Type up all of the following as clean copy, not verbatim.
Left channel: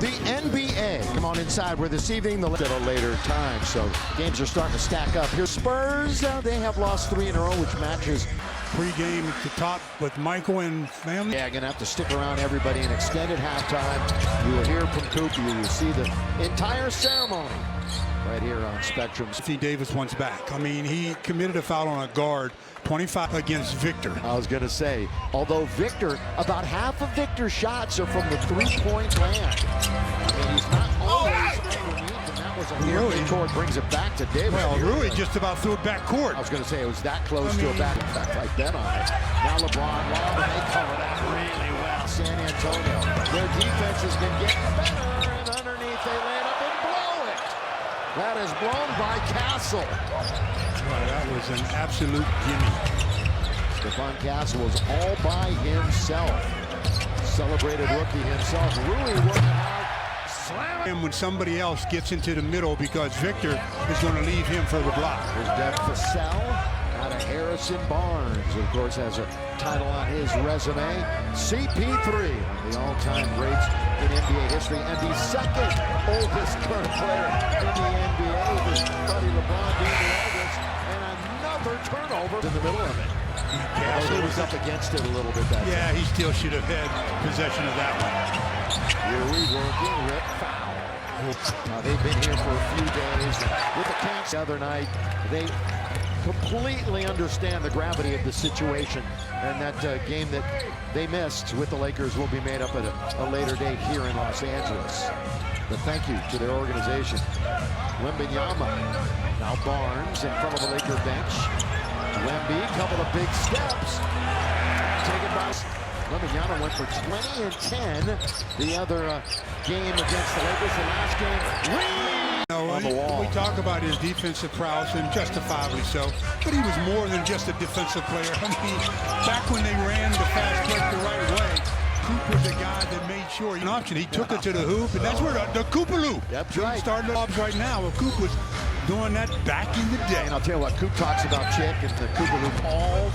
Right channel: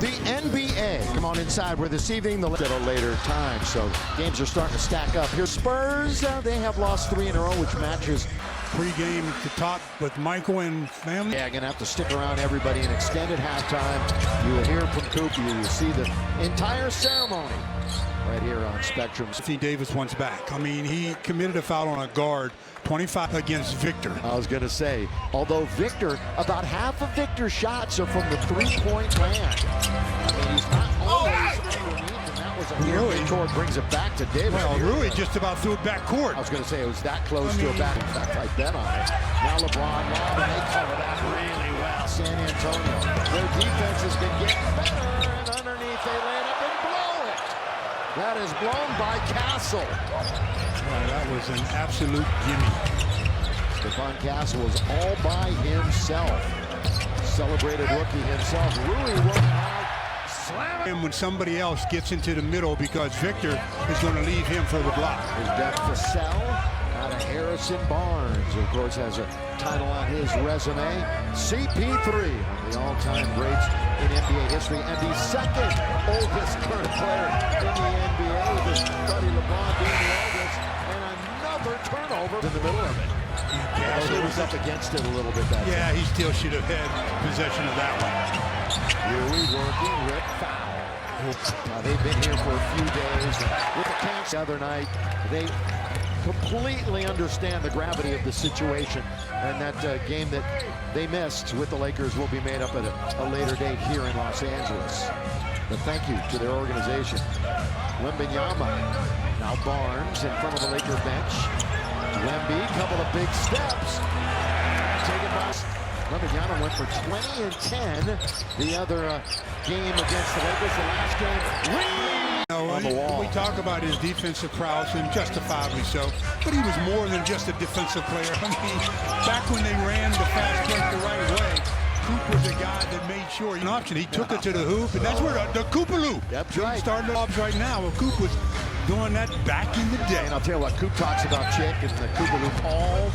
The NBA. Come on inside where this evening at a later time, so games are starting to stack up. Here, Spurs, they have lost 3 in a row, which matches. Pre-game at the top with Michael and family. Yeah, gonna have to stick around everybody in extended halftime. You will hear from Coop. You will see the entire ceremony right here on Spectrum. Anthony Davis wants back. I mean, he committed a foul on a guard, 25 against Victor. I was going to say, although Victor, about half of Victor's shots are from the three-point land. I mean, he's not always underneath, and that was a near midcourt, brings it back to Davis. Well, Rui just about threw it back court. I was going to say, it was that close to a back. In fact, I bet on it. Now LeBron lob, and they cover that really well. San Antonio, their defense has been getting better, and underneath they land up and blow it. That is blown by Castle. Wow, that was an absolute gimme. Stephon Castle was all by himself. Celebrated rookie himself. Rui working hard. Slam it. And when somebody else gets into the middle because Victor is going to leave him for the block. Here's Deb Cassell out of Harrison Barnes. Of course, has a title on his resume. CP3, one of the all-time greats in NBA history, and the second oldest current player in the NBA, with his buddy LeBron being the oldest, and another turnover in the middle of it. He was up against it a little bit that Yeah, time. he still should have had possession of that one. Rui working, rip foul. Now they've been here for a few days, and with the camps the other night, they completely understand the gravity of the situation, and that game that they missed with the Lakers will be made up at a later date here in Los Angeles. But thank you to their organization. Wembanyama, now Barnes in front of the Laker bench. Wemby, couple of big steps. Taken by Wembanyama, went for 20 and 10. The other game against the Lakers, the last game, on the wall. We talk about his defensive prowess, and justifiably so, but he was more than just a defensive player. I mean, back when they ran the fast break the right way, Coop was a guy that made sure an option. He took it to the hoop, and that's where the Koopaloo. That's right. Starting the lobs right now. Well, Coop was doing that back in the day. And I'll tell you what, Coop talks about Chick and the Koopaloo all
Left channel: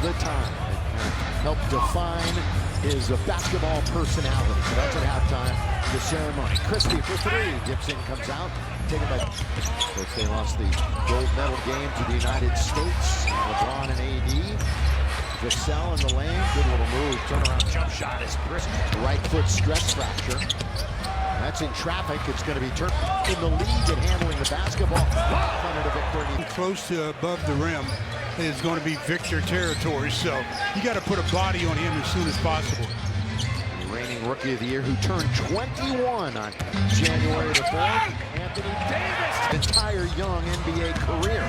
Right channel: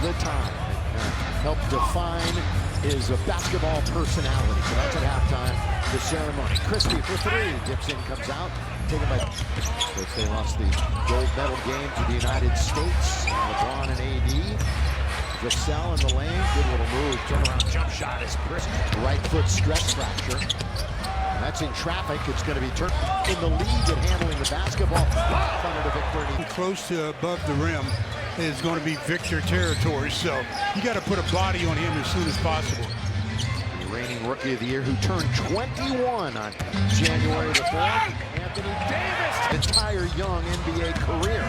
the time. It kind of helped define his basketball personality. So that's at halftime, the ceremony. Christie for 3, dips in, comes out. Taken by, of course, they lost the gold medal game to the United States. And LeBron and AD. Vassell in the lane, good little move. Turnaround jump shot is brisk. Right foot stress fracture. That's in traffic. It's going to be turned in the lead at handling the basketball. Lob under to Victor. Close to above the rim is going to be Victor territory, so you got to put a body on him as soon as possible. The reigning rookie of the year, who turned 21 on January the 4th, Anthony Davis. Entire young NBA career.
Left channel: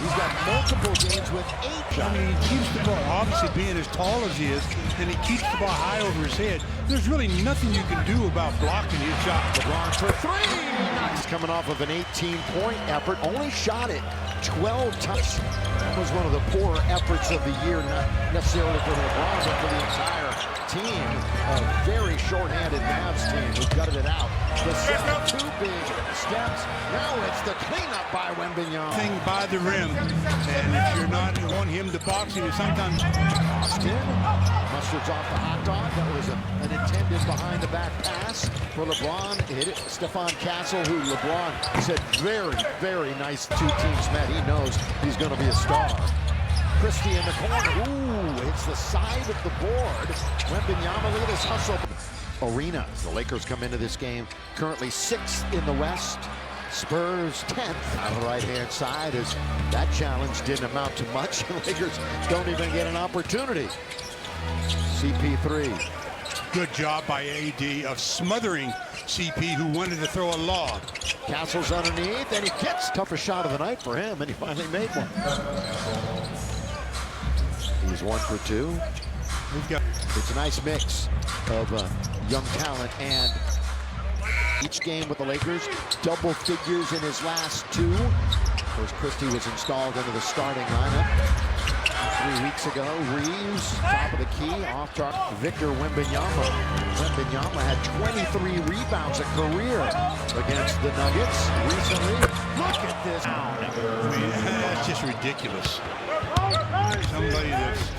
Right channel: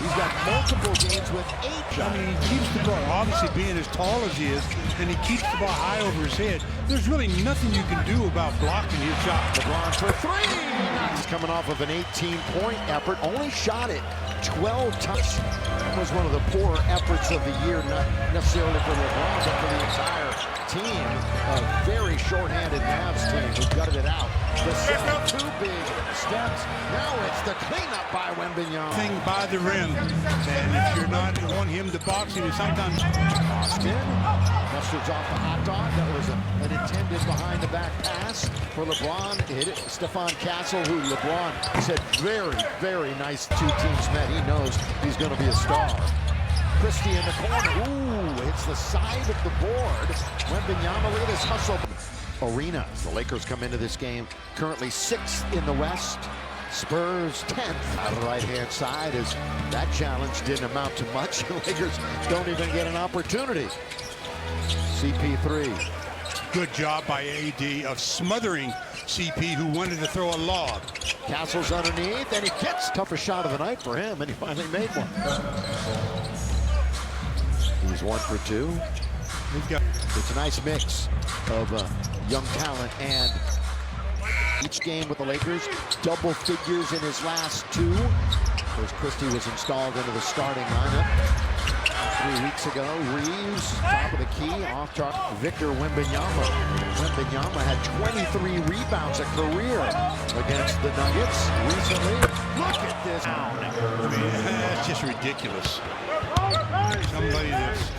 He's got multiple games with 8 shots. I mean, he keeps the ball, obviously being as tall as he is, and he keeps the ball high over his head. There's really nothing you can do about blocking his shot. LeBron for 3. Knox coming off of an 18-point effort. Only shot it 12 times. That was one of the poorer efforts of the year, not necessarily for LeBron, but for the entire team. A very short-handed Mavs team who gutted it out. Vassell, 2 big steps. Now it's the cleanup by Wembanyama. Thing by the rim, and if you're not on him to box him, sometimes. Austin mustards off the hot dog. That was an intended behind-the-back pass for LeBron. Hit it. Stephon Castle, who LeBron said very, very nice 2 teams met. He knows he's going to be a star. Christie in the corner. Ooh, hits the side of the board. Wembanyama, look at this hustle. Arena. The Lakers come into this game currently 6th in the West. Spurs 10th on the right-hand side, as that challenge didn't amount to much. The Lakers don't even get an opportunity. CP3. Good job by AD of smothering CP, who wanted to throw a lob. Castle's underneath, and he gets toughest shot of the night for him, and he finally made one. He's 1 for 2. It's a nice mix of young talent, and each game with the Lakers, double figures in his last 2. Of course, Christie was installed into the starting lineup 3 weeks ago. Reeves, top of the key, off target. Victor Wembanyama. Wembanyama had 23 rebounds a career against the Nuggets recently. Look at this. I mean, that's just ridiculous. Somebody that's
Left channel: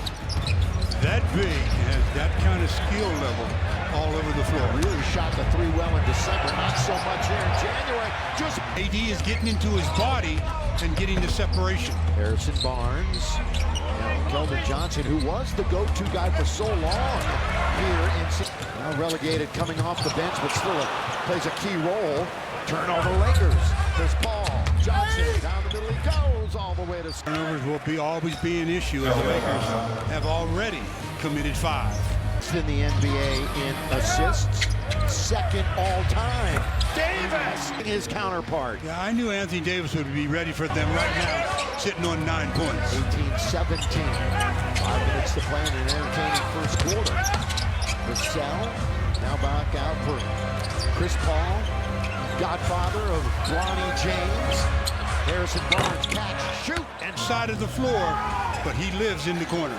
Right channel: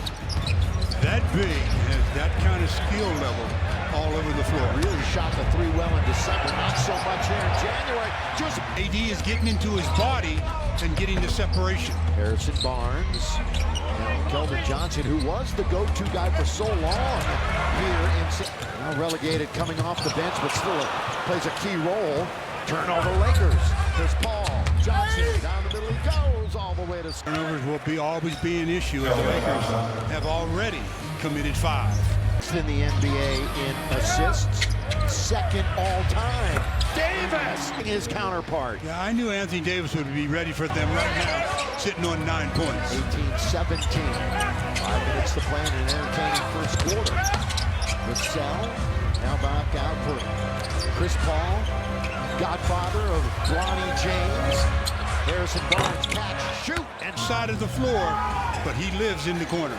that big has that kind of skill level. all over the floor. Really shot the three well in December, not so much here in January. Just AD is getting into his body and getting the separation. Harrison Barnes, Keldon Johnson, who was the go-to guy for so long here in now relegated, coming off the bench, but still plays a key role. Turnover Lakers. Chris Paul, Johnson down the middle, he goes all the way to. Turnovers will always be an issue, as the Lakers have already committed 5. In the NBA in assists, second all-time. Davis, his counterpart. Yeah, I knew Anthony Davis would be ready for them right now, sitting on 9 points. 18-17. 5 minutes to play in an entertaining first quarter. Vassell now back out for Chris Paul, godfather of Bronny James. Harrison Barnes, catch, shoot, and Side of the floor, but he lives in the corner.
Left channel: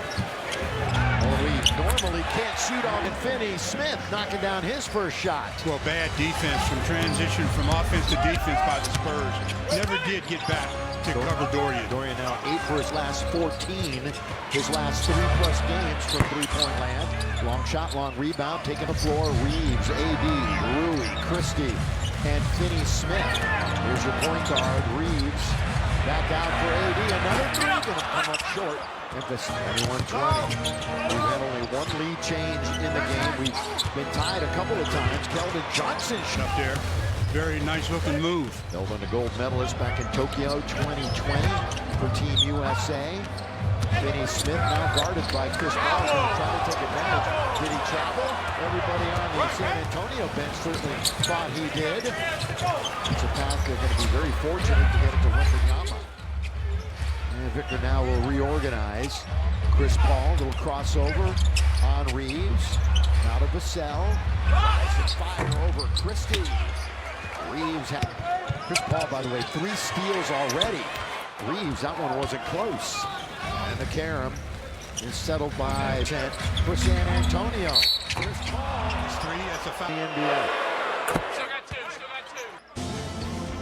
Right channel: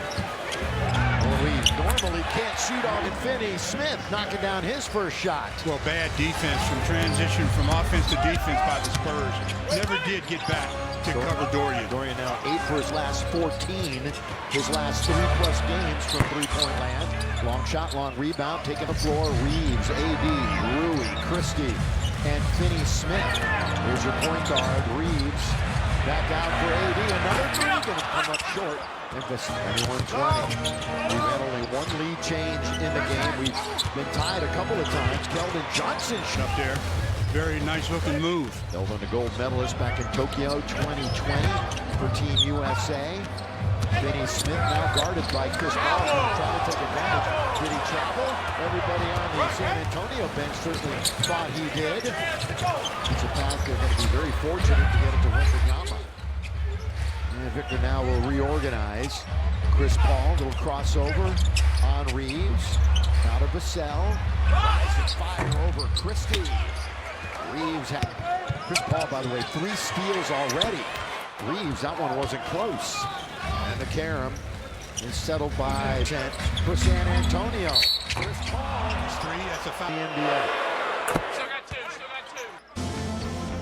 well, we normally can't shoot on Finney Smith, knocking down his first shot. Well, bad defense from transition from offense to defense by the Spurs. Never did get back to cover Dorian. Dorian now 8 for his last 14. His last 3+ games from three-point land. Long shot, long rebound, taking the floor. Reeves, AD, Rui, Christie, and Finney Smith. Here's your point guard, Reeves. Back out for AD. Another three, gonna come up short. Memphis 21-20. We've had only one lead change in the game. We've been tied a couple of times. Keldon Johnson Up there. Very nice looking move. Keldon, the gold medalist back in Tokyo 2020 for Team USA. Finney Smith now guarded by Chris Paul, going to try to take advantage. Did he travel? Everybody on the San Antonio bench certainly thought he did. It's a pass they're going to be very fortunate to get it to Wembanyama. And Victor now will reorganize. Chris Paul, little crossover on Reeves. Now to Vassell. Rise and fire over Christie. Reeves had Chris Paul, by the way, 3 steals already. Reeves, that one wasn't close. And the carom is settled by for San Antonio. Chris Paul. That's 3, that's a foul. The NBA.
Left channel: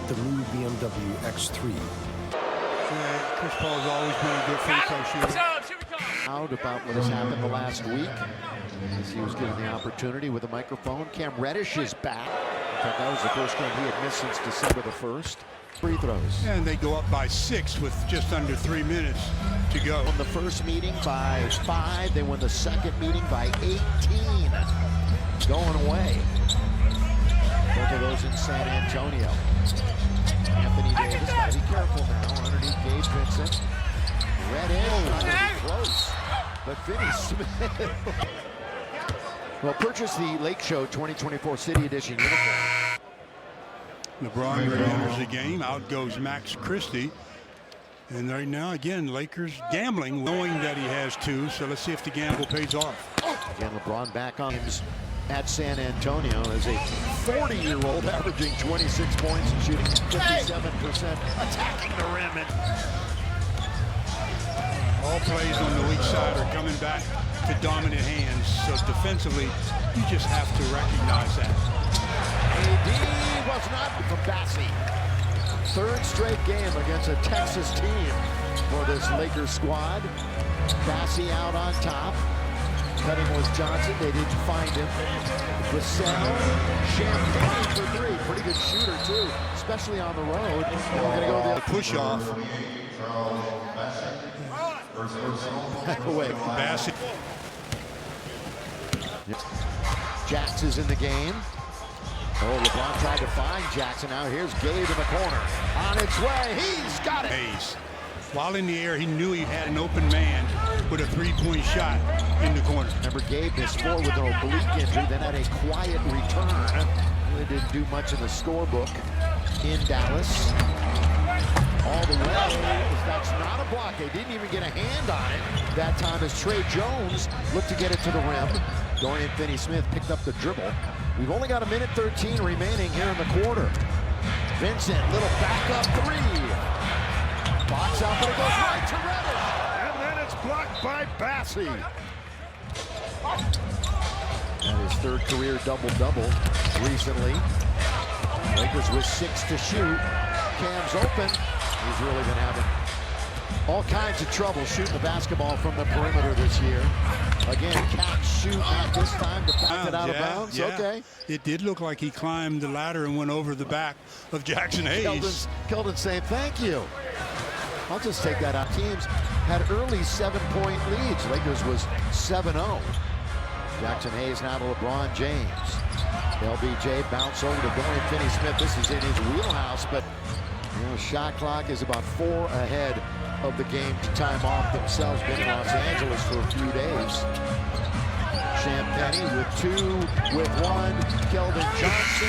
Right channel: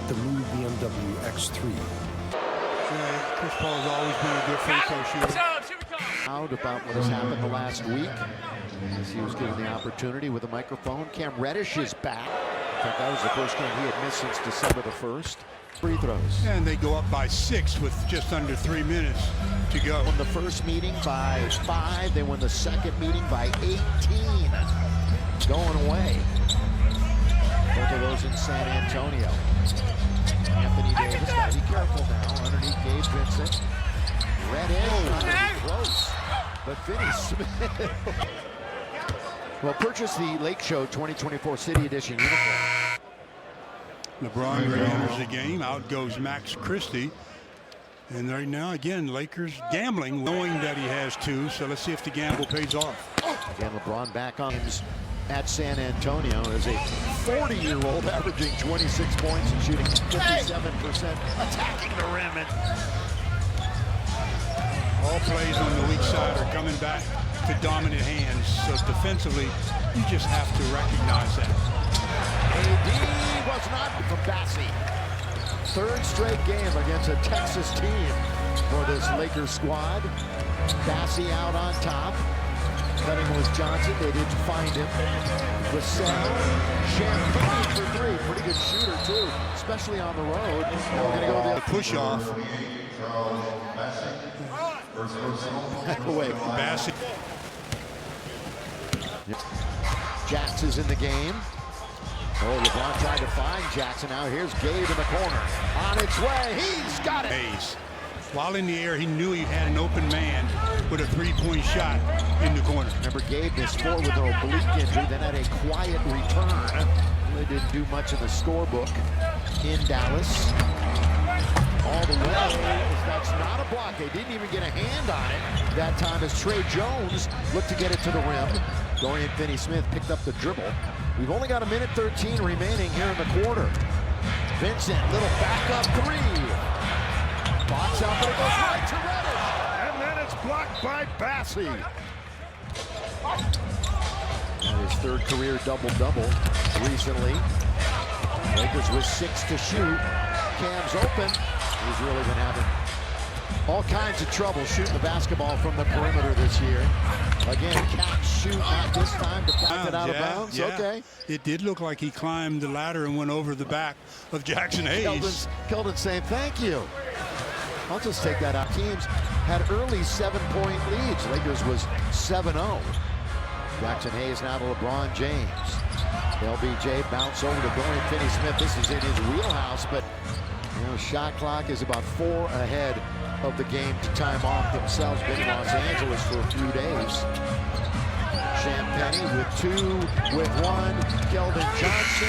The new BMW X3. Yeah, Chris Paul has always been a good free throw shooter. Out about what has happened the last week as he was given the opportunity with a microphone. Cam Reddish is back. In fact, that was the first game he had missed since December the 1st. Free throws. And they go up by 6 with just under 3 minutes to go. Won the first meeting by 5. They won the second meeting by 18. Going away. Both of those in San Antonio. Anthony Davis, got to be careful now. Underneath Gabe Vincent. Reddish, not going to be close. But Finney Smith. Well, purchase the Lake Show 2024 City Edition uniform. LeBron re-enters the game. Out goes Max Christie. And right now, again, Lakers gambling, knowing that he has 2. So let's see if the gamble pays off. Again, LeBron back on games at San Antonio as a 40-year-old averaging 26 points and shooting 57%, attacking the rim. And all plays on the weak side are coming back to dominant hands. So defensively, you just have to recognize that. AD was not from Bassie. 3rd straight game against a Texas team for this Lakers squad. Bassie out on top. Cutting was Johnson. They didn't find him. Vassell, Champagne for 3. Pretty good shooter, too, especially on the road. Now we're going to go the push off. Wait, Bassett. Jax is in the game. Oh, LeBron tried to find Jackson. Now here's Gabe in the corner. On its way. He's got it. Hayes. While in the air, he knew he had an open man with a 3-point shot in the corner. Remember, Gabe missed 4 with an oblique injury, then had a quiet return. Really didn't do much in the scorebook in Dallas. All the way, that's not a block. They didn't even get a hand on it that time as Trey Jones looked to get it to the rim. Dorian Finney-Smith picked up the dribble. We've only got 1:13 remaining here in the quarter. Vincent, little backup 3. Box out, but it goes right to Reddish. And then it's blocked by Bassie. And his 3rd career double-double recently. Lakers with 6 to shoot. Cam's open. He's really been having all kinds of trouble shooting the basketball from the perimeter this year. Again, catch, shoot, not this time to back it out of bounds. Yeah. Okay. It did look like he climbed the ladder and went over the back of Jackson Hayes. Keldon saying thank you. I'll just take that out. Teams had early 7-point leads. Lakers was 7-0. Jackson Hayes now to LeBron James. LBJ bounce over to Dorian Finney-Smith. This is in his wheelhouse, but shot clock is about 4 ahead of the game to time off themselves. Been in Los Angeles for a few days. Champagny with 2, with 1. Keldon Johnson.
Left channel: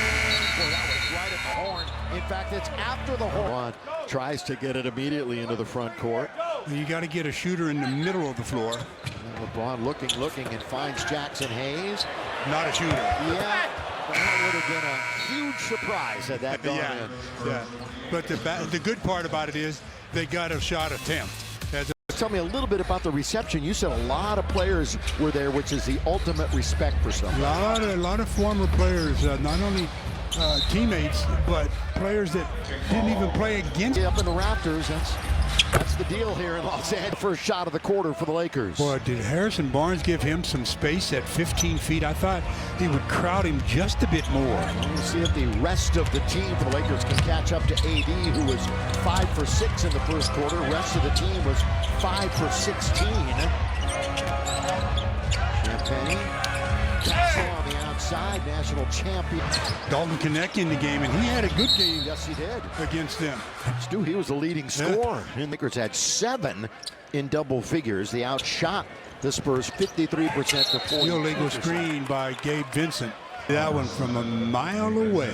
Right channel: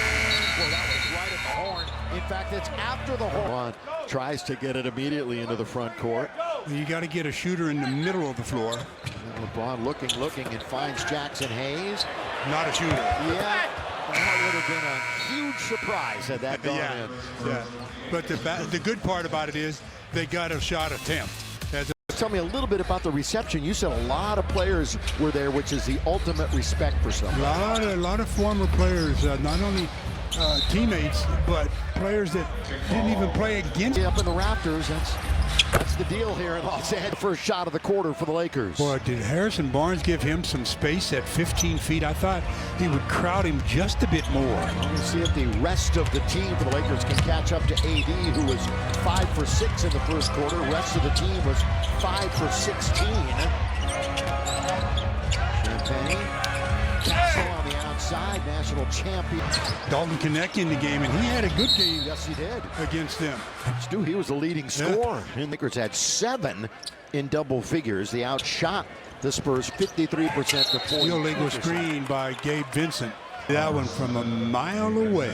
Boy, that was right at the horn. In fact, it's after the horn. Tries to get it immediately into the front court. You got to get a shooter in the middle of the floor. And LeBron looking, and finds Jackson Hayes. Not a shooter. Yeah, that would have been a huge surprise had that gone in. Yeah. But the good part about it is they got a shot attempt. Tell me a little bit about the reception. You said a lot of players were there, which is the ultimate respect for somebody. A lot of former players, not only teammates, but players that didn't even play against. Up in the rafters, that's the deal here in Los Angeles. First shot of the quarter for the Lakers. Boy, did Harrison Barnes give him some space at 15 feet? I thought he would crowd him just a bit more. Well, we'll see if the rest of the team for the Lakers can catch up to AD, who was 5 for 6 in the first quarter. Rest of the team was 5 for 16. Champagny. Castle on the outside, national champion. Dalton Knecht in the game, and he had a good game. Yes, he did. Against them. Stu, he was the leading scorer. And Lakers had 7 in double figures. They outshot the Spurs 53% to 40%. Illegal screen by Gabe Vincent. That one from a mile away.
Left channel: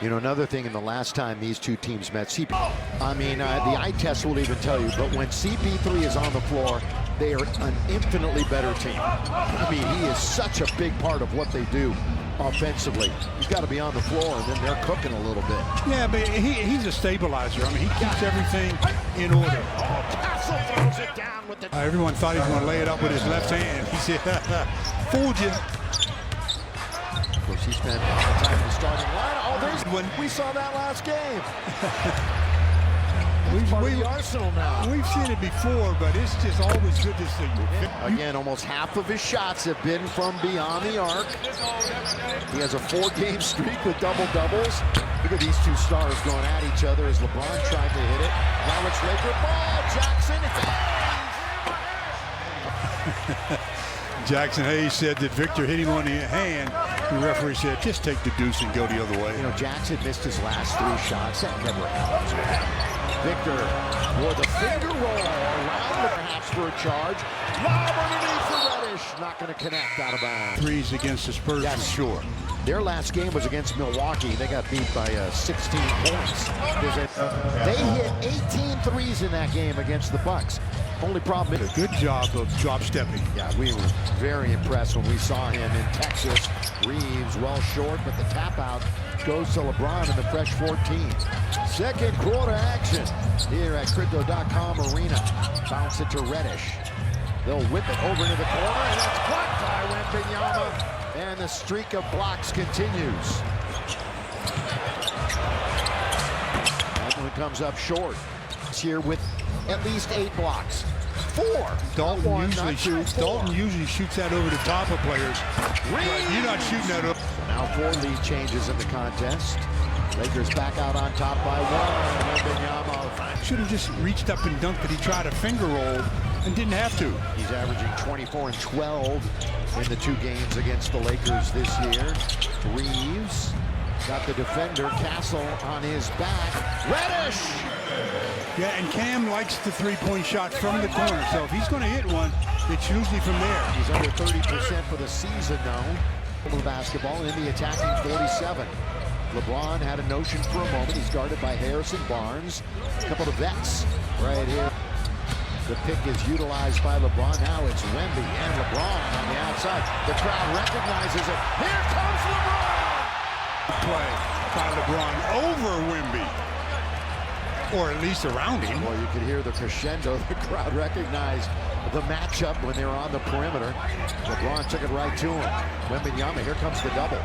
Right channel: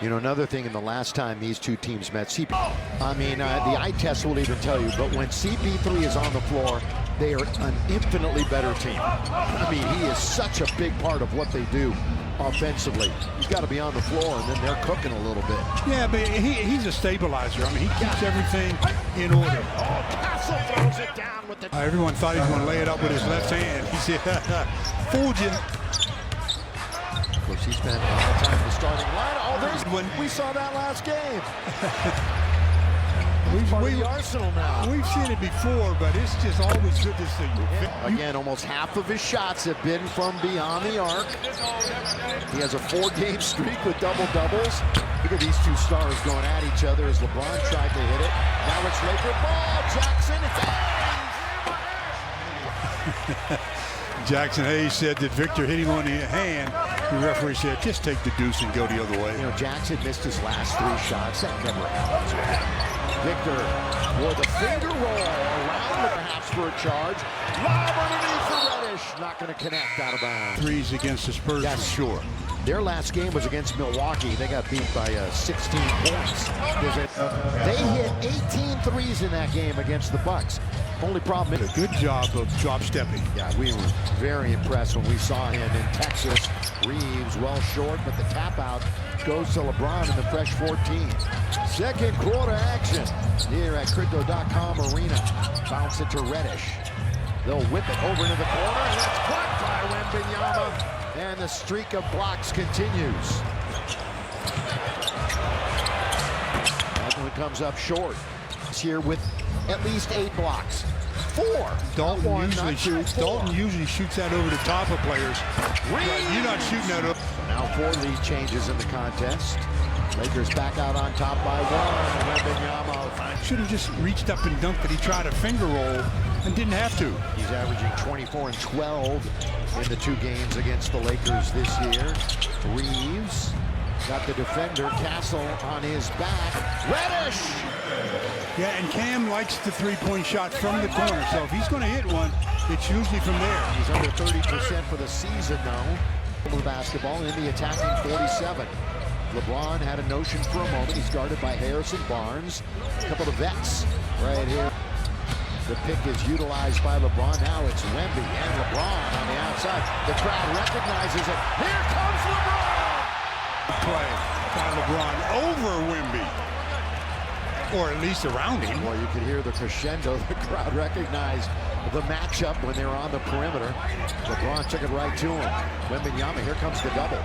Another thing in the last time these two teams met, the eye test will even tell you, but when CP3 is on the floor, they are an infinitely better team. He is such a big part of what they do offensively. He's got to be on the floor, and then they're cooking a little bit. Yeah, but he's a stabilizer. He keeps everything in order. Oh, Castle throws it down with the... Everyone thought he was going to lay it up with his left hand. He said, fooled you. Of course, he spent a lot of time in the starting line. Oh, there's when we saw that last game. We've Arsenal now. We've seen it before, but it's just always good to see. Again, almost half of his shots have been from beyond the arc. He has a 4-game streak with double-doubles. Look at these two stars going at each other as LeBron tried to hit it. Now it's Laker ball. Jackson Hayes. Jackson Hayes said that Victor hit him on the hand. The referee said, just take the deuce and go the other way. Jackson missed his last 3 shots. That never happens with him. Victor, boy, the finger roll around perhaps for a charge. Lob underneath for Reddish. Not going to connect, out of bounds. Threes against the Spurs for sure. Their last game was against Milwaukee. They got beat by 16 points. They hit 18 threes in that game against the Bucks. Only problem is a good job of drop stepping. Yeah, we were very impressed when we saw him in Texas. Reeves well short, but the tap out goes to LeBron in the fresh 14. Second quarter action here at Crypto.com Arena. Bounce it to Reddish. They'll whip it over into the corner, and that's blocked by Wembanyama. And the streak of blocks continues. That one comes up short. It's here with at least 8 blocks. 4. Dalton usually shoots that over the top of players. Right, you're not shooting that up. So now 4 lead changes in the contest. Lakers back out on top by 1. Wembanyama should have just reached up and dunked it. He tried a finger roll and didn't have to. He's averaging 24 and 12 in the 2 games against the Lakers this year. Reeves got the defender Castle on his back. Reddish! Yeah, and Cam likes the 3-point shot from the corner, so if he's going to hit one, it's usually from there. He's under 30% for the season, though. The basketball in the attacking 47. LeBron had a notion for a moment. He's guarded by Harrison Barnes. A couple of vets right here. The pick is utilized by LeBron. Now it's Wemby and LeBron on the outside. The crowd recognizes it. Here comes LeBron! Play by LeBron over Wemby. Or at least around him. Well, you could hear the crescendo. The crowd recognized the matchup when they were on the perimeter. LeBron took it right to him. Wembanyama, here comes the double.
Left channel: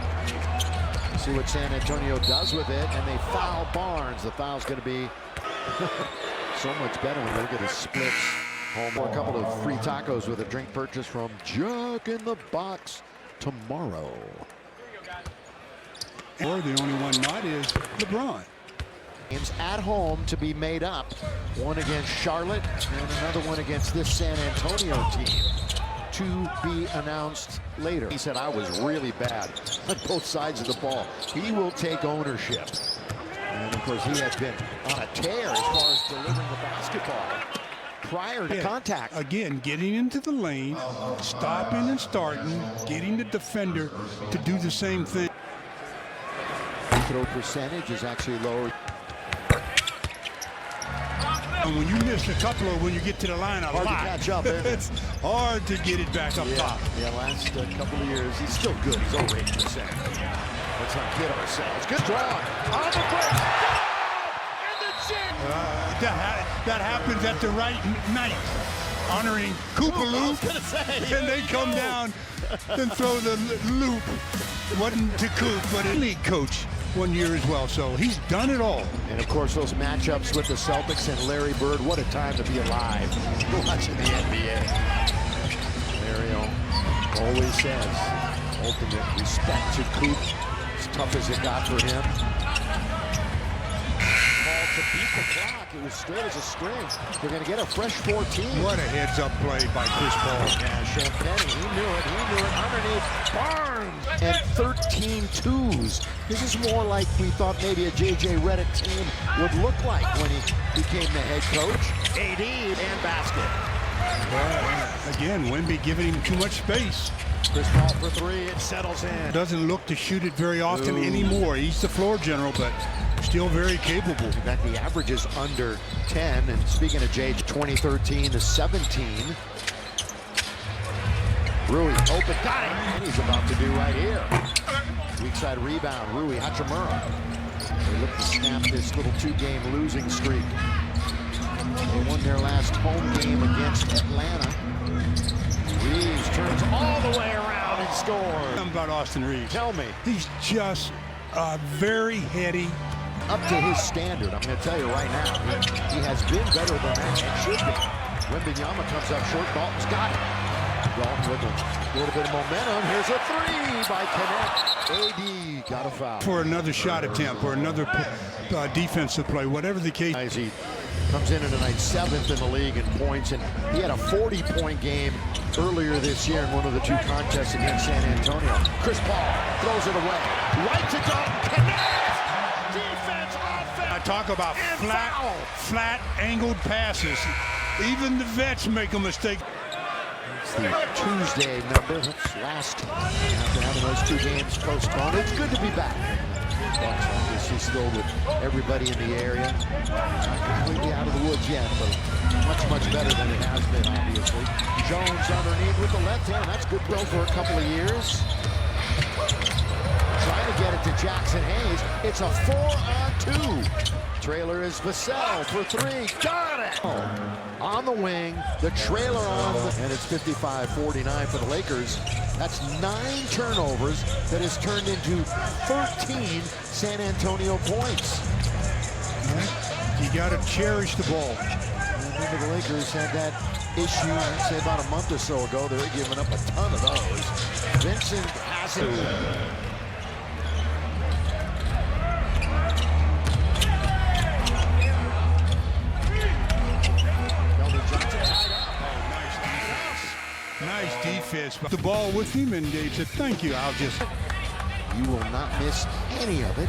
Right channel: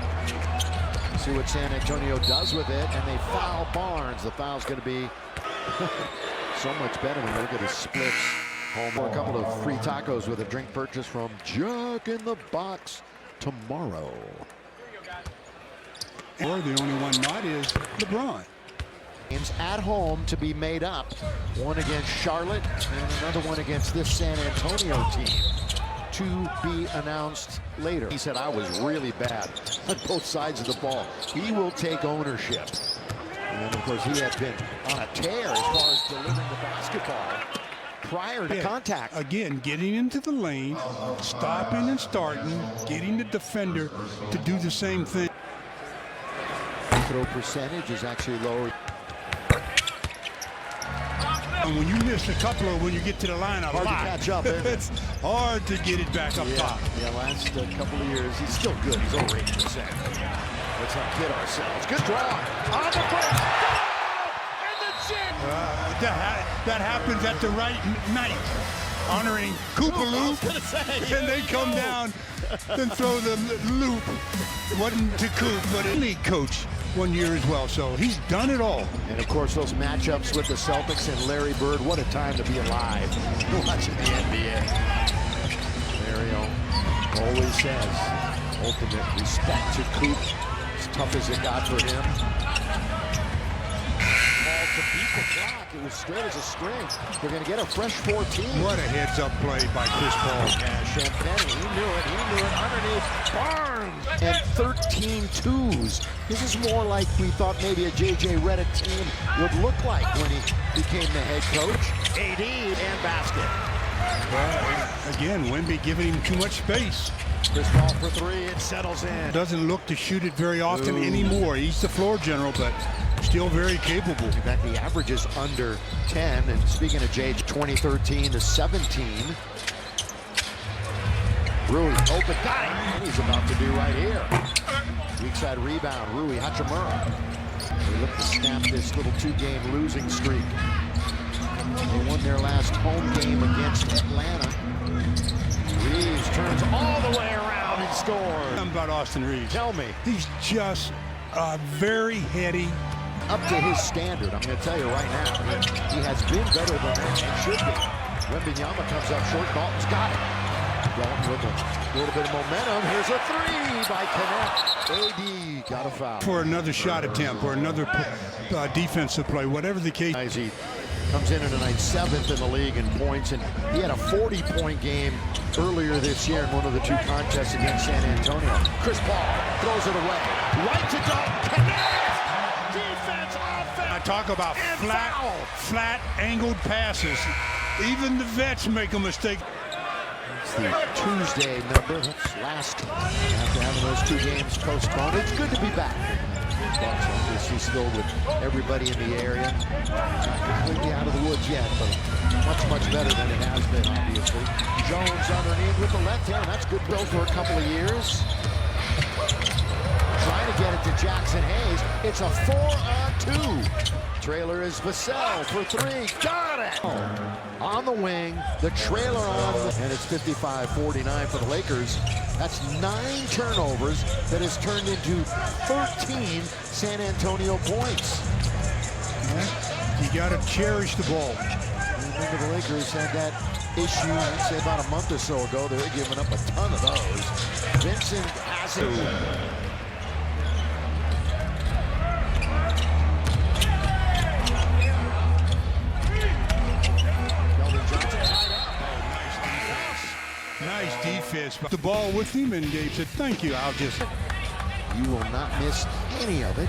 See what San Antonio does with it, and they foul Barnes. The foul's going to be so much better when you look at his splits Home for a couple of free tacos with a drink purchase from Jack in the Box tomorrow. Or the only one not is LeBron. Games at home to be made up. One against Charlotte and another one against this San Antonio team. To be announced later. He said, I was really bad on both sides of the ball. He will take ownership. And of course, he had been on a tear as far as delivering the basketball prior to contact. Again, getting into the lane, stopping and starting, getting the defender to do the same thing. Free throw percentage is actually lower. And when you miss a couple of when you get to the line a Hard lot, to catch up, isn't it? it's hard to get it back up top. Yeah, last couple of years, he's still good. He's over 8%. Let's not kid ourselves. Good draw on the break. And the jam. That happens at the right night, honoring Koopaloop, and they come down and throw the loop. It wasn't to Coop, but a league coach one year as well, so he's done it all. And of course, those matchups with the Celtics and Larry Bird, what a time to be alive watching the NBA. Larry always says, ultimate respect to Coop, as tough as it got for him. Ball to beat the clock, it was straight as a string. They're going to get a fresh 14. What a heads-up play by Chris Paul. Yeah, Champagne, he knew it underneath Barnes. And 13 twos. This is more like we thought maybe a J.J. Redick team would look like when he became the head coach. AD and basket. But again, Wemby giving him too much space. Chris Paul for three, it settles in. Doesn't look to shoot it very often anymore. He's the floor general, but still very capable. In fact, the average is under 10. And speaking of J.J., 2013 to 17. Rui, open, got it. And he's about to do right here. Weak side rebound, Rui Hachimura. They look to snap this little two-game losing streak. They won their last home game against Atlanta. Reeves turns all the way around and scores. Something about Austin Reeves. Tell me. He's just very heady. Up to his standard, I'm going to tell you right now. He has been better than that and should be. Wembanyama comes up short. Dalton's got it. Dalton with a little bit of momentum. Here's a three by Connect. AD got a foul. For another shot attempt or another defensive play, whatever the case. As he comes in tonight, 7th in the league in points, and he had a 40-point game earlier this year in one of the two contests against San Antonio. Chris Paul throws it away. Right to Dalton. Connect! Defense, offense. I talk about flat, angled passes. Even the vets make a mistake. It's the Tuesday number. That's last after having those two games postponed. It's good to be back. Bucks obviously still with everybody in the area. Not completely out of the woods yet, but much better than it has been, obviously. Jones underneath with the left hand. That's good though for a couple of years. Trying to get it to Jackson Hayes. It's a 4-on-2. Trailer is Vassell for three. Got it! On the wing, the trailer on, and it's 55-49 for the Lakers. That's 9 turnovers that has turned into 13 San Antonio points. Yeah, you got to cherish the ball. And remember, the Lakers had that issue, I'd say about a month or so ago. They were giving up a ton of those. Vincent has it. Johnson tied up. Oh, nice defense. Nice defense. The ball with him, and Gabe said, thank you. You will not miss any of it.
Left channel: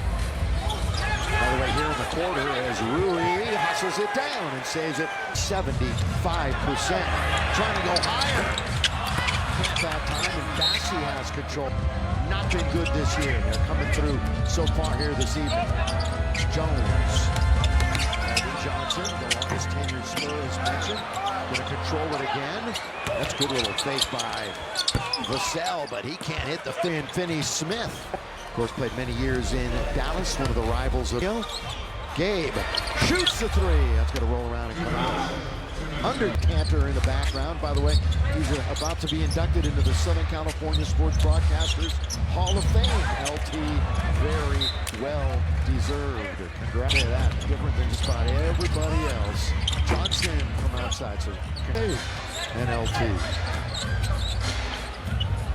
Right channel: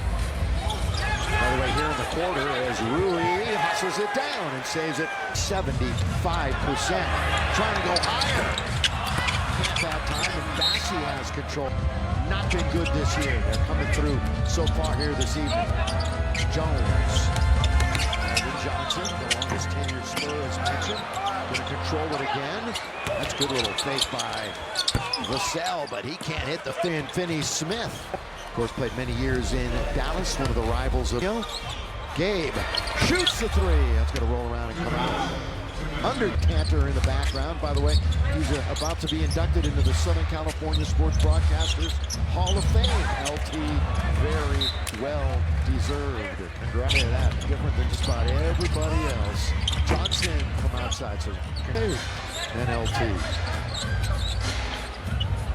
By the way, here in the quarter, as Rui hustles it down and saves it 75%. Trying to go higher. Can't that time, and Bassie has control. Not been good this year. They're coming through so far here this evening. Jones. Johnson, the longest tenured Spur, as mentioned, going to control it again. That's a good little fake by Vassell, but he can't hit the thin Finney Smith. Of course, played many years in Dallas, one of the rivals of Gabe shoots the three. That's going to roll around and come out. Under Cantor in the background. By the way, he's about to be inducted into the Southern California Sports Broadcasters Hall of Fame. LT, very well deserved. Congrats to that. Different than just about everybody else. Johnson from outside. So NLT.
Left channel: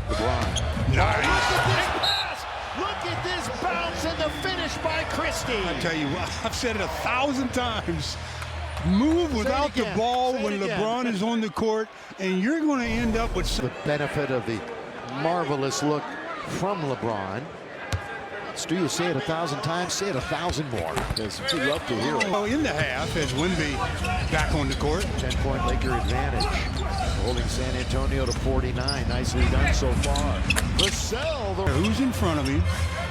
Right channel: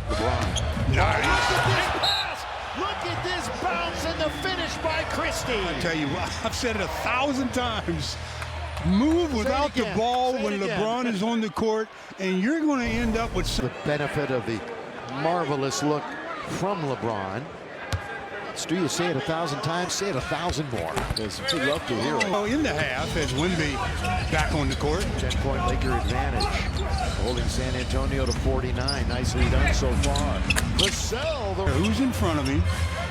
LeBron. Nice. Look at this pass. Look at this bounce and the finish by Christie. I tell you what, I've said it 1,000 times. Move without the ball when LeBron is on the court, and you're going to end up with the benefit of the marvelous look from LeBron. Stu, you say it 1,000 times, say it 1,000 more, because we love to hear it. Oh, in the half as Wemby back on the court. 10-point Laker advantage, holding San Antonio to 49. Nicely done so far. Vassell, Who's in front of him,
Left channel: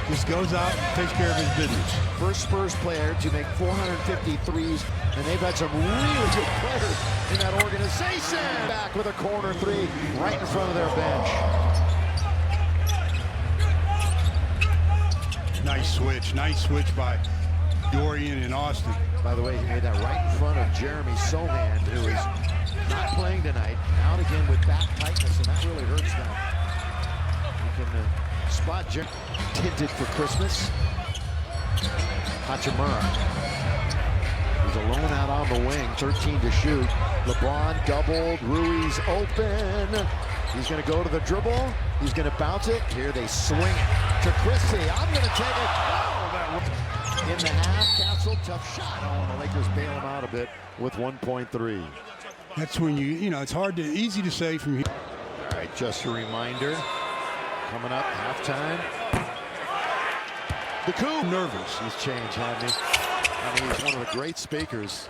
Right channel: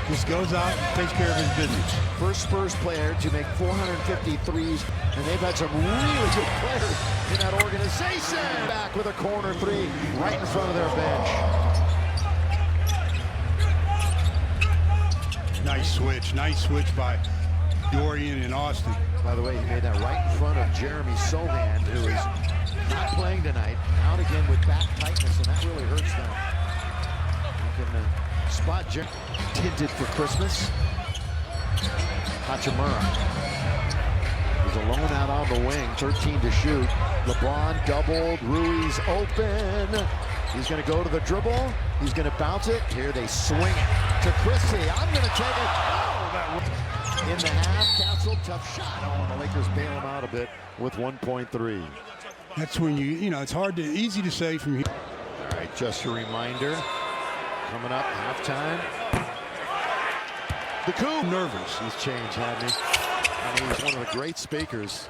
just goes out and takes care of his business. First Spurs player to make 450 threes, and they've had some really good players in that organization. Back with a corner three right in front of their bench. Nice switch by Dorian and Austin. By the way, he made that right in front of Jeremy Sohan, who is not playing tonight, out again with back tightness, and that really hurts them. You can spot Jeremy tinted for Christmas. Hachimura. He's alone out on the wing, 13 to shoot. LeBron doubled, Ruiz open. He's going to go to the dribble. He's going to bounce it. Here they swing it to Christie. I'm going to take it. Oh, that in the half. Castle, tough shot. Oh, and the Lakers bail him out a bit with 1.3. That's when you know, it's easy to say from here. All right, just a reminder. Coming up, halftime. The coup. Nervous. He's changed, hadn't he? I mean, he's one of the great speakers.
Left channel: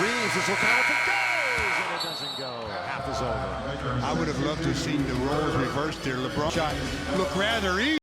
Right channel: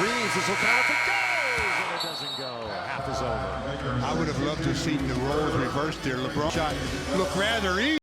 Reeves, this will count if it goes, and it doesn't go. Half is over. I would have loved to have seen the roles reversed there. LeBron shot looked rather easy.